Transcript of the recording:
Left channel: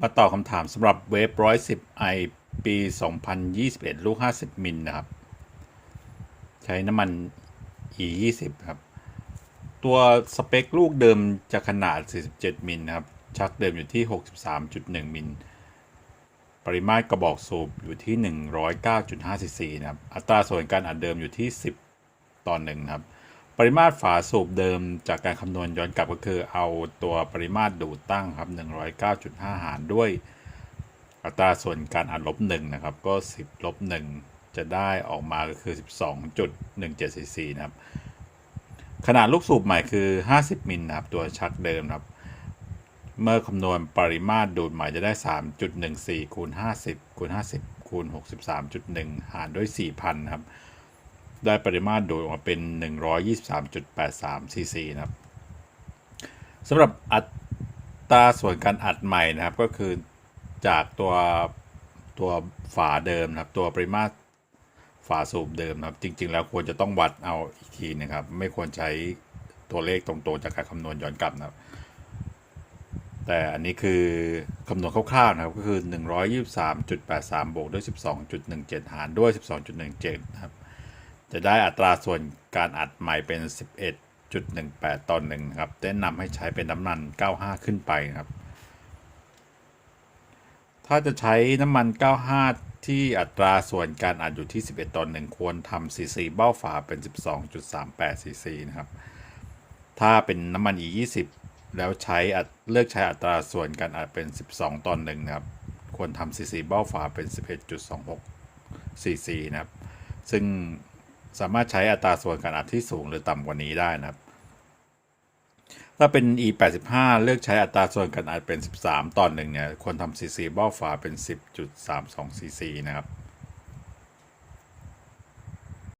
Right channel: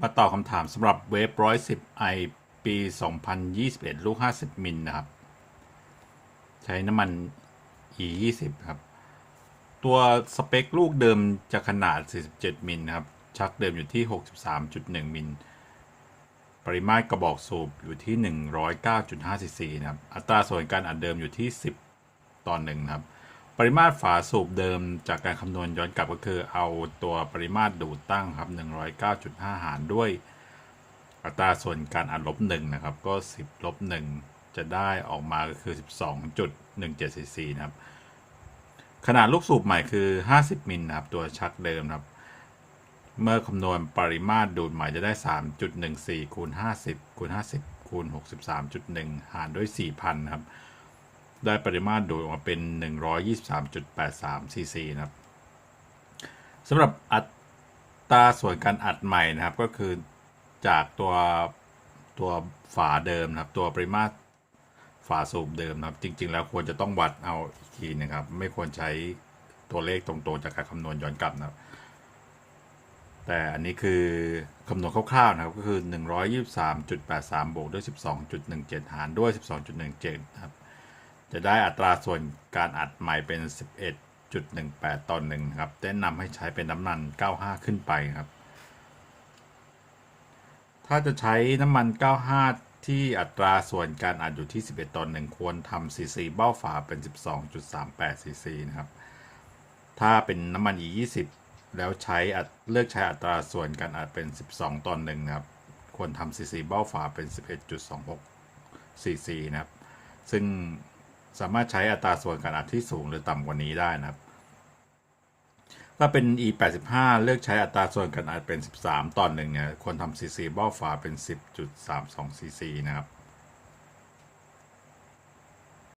มาตอบคำถามสำหรับเวฟ110 i ปี 2021 ลูก 50 มิลนะครับ ใช้น้ำมัน e 20ครับ ตัวสเปคลูกเดิมจะขนาด 47 มิลนะครับ ชักเดิมอยู่ที่ 63.1 มิล ปริมาตรกระบอกสูบอยู่ที่ 109.5 ซีซีนะครับ อัตราส่วนการอัดเดิมอยู่ที่ 10 ต่อหนึ่งครับ ปริมาตรฝาสูบเดิมจากการคำนวณย้อนกลับก็คือเอาตัวปริมาตรดูดตั้งครับ 109.5 หารด้วย อัตราส่วนการอัดลบหนึ่งนะครับ ก็ 10ลบหนึ่งจะได้ออกมาก็คือ 12.17ซีซีนะครับ ขนาดลูกสูบใหม่คือ 50 มิลนะครับ ตัวชักเดิมนะครับ เมื่อคำนวณปริมาตรดูดใหม่จะได้ 3.14คูณ50คูณ50คูณ63.1 หารด้วย 4,000 นะครับ ได้ปริมาตรโดดออกมาเป็น 123.83 ซีซีนะครับสำหรับอัตราส่วนการอัดใหม่นะครับก็คือจากตัวตัวฝาเดิมนะครับ ตัวปริมาตรฝาสูบเดิมนะครับ จริง ๆ แล้วควรจะต้องวัดเอาอีกทีนะครับ ไม่ควรใช้ตัวเลขตรงๆจากการคำนวณย้อนกลับนะครับ แต่อันนี้คือคำนวณคร่าวๆนะครับก็คือ 123.83 บวกด้วย 12.17 หารด้วย 12.17 นะครับ จะได้อัตราส่วนการอัดใหม่เป็น 11.18 ต่อหนึ่งครับแนะนำให้ใช้เป็นน้ำมัน 95 ขึ้นไปครับ ถ้าจะใช้น้ำมัน 95 ที่อัตราส่วนการอัดอยู่ที่ 11 ต่อหนึ่งควรทำซีซีเบ้าฝาเป็น 12.38ซีซีนะครับ ถ้าเป็นน้ำมัน E20 แล้วใช้อัดเลือกใช้อัตราส่วนการอัดเป็น 12 ต่อหนึ่งครับ ควรทำซีซีเบ้าฝาเป็น 11.26ซีซีนะครับ ซึ่ง สามารถใช้อัตราส่วนการอัดที่สูงหรือต่ำกว่านี้ได้นะครับ ถ้าเป็น e 8 5เลือกใช้อัตราส่วนการอัดเป็น 13 ต่อหนึ่งเนี่ยควรทำ cc เบ้าฝาเป็น 10.32 cc นะครับ